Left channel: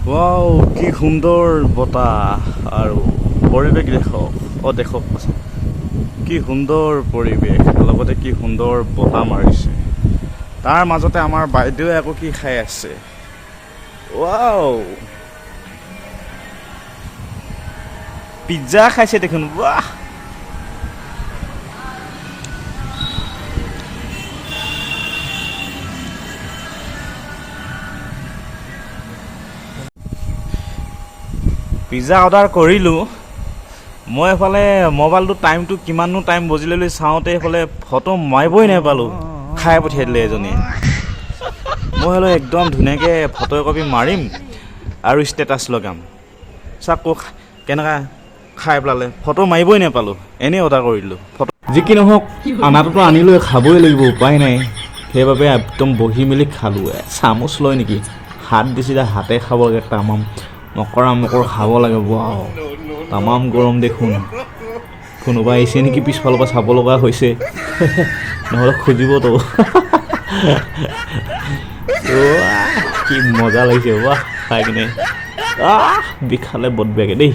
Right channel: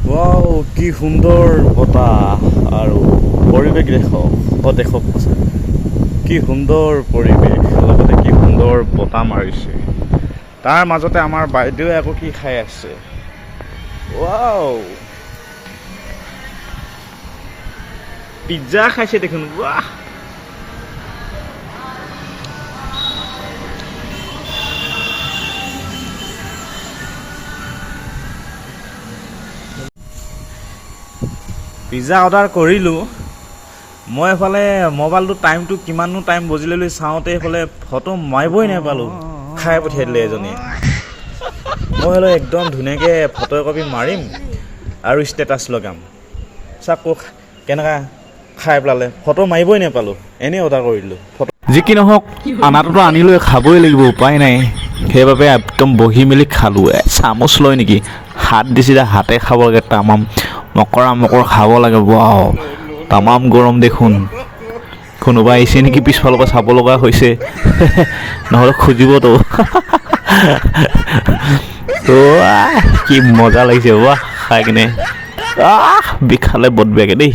wow কি সুন্দৰ বতাহ আৰু পৰিৱেশ দেখক কি সুন্দৰ পৰিৱেশ লগতে কি সুন্দৰ বতাহ মাৰিছে তাৰ মাজতে আমাৰ বাইদেৱে আকৌ কি খাই আছে ৱাও পিজ্জা খাইছে দেখোন বাহ পিজ্জা অৰ্ডাৰ কৰিলোঁ মই এফালে মোবাইলটো টাইমটো কিমাননো টাইম বজিলে লৈ চাওঁতে এইফালে ফটো মাৰিবই নাপালোঁ খাই পঠিয়াই দিলে এজনীয়ে মই হ'লে একদম ধুনীয়াকৈ ফটো একপি মাৰিম আৰু ষ্টেটাছ লগাম চাওক কেনেকুৱা খাই পেলালে ফটো মাৰিবই নাপালোঁ এনেই অৰ্ডাৰ কৰিলোঁ ফটো যি কি নহওক আনাটোতো আনিলৈ খাবই লাগিব উপায় নাই সেইবাবে একদম বহি মেলি খালোঁ চামুচ লৈ নেকি হাত দিছিলে হাতে খাব লাগে তামাম মকৰ খাব লাগে ৱাও তামাম গৰম দেখোন কোনোবা আহিছে নেকি পিছফালৰ পৰা চাব লগা হৈছে নহ'লে খুজিবতো কি মজা লাগিছে বাহ খাই কিনে বিষালে বদ বেয়াকে দেই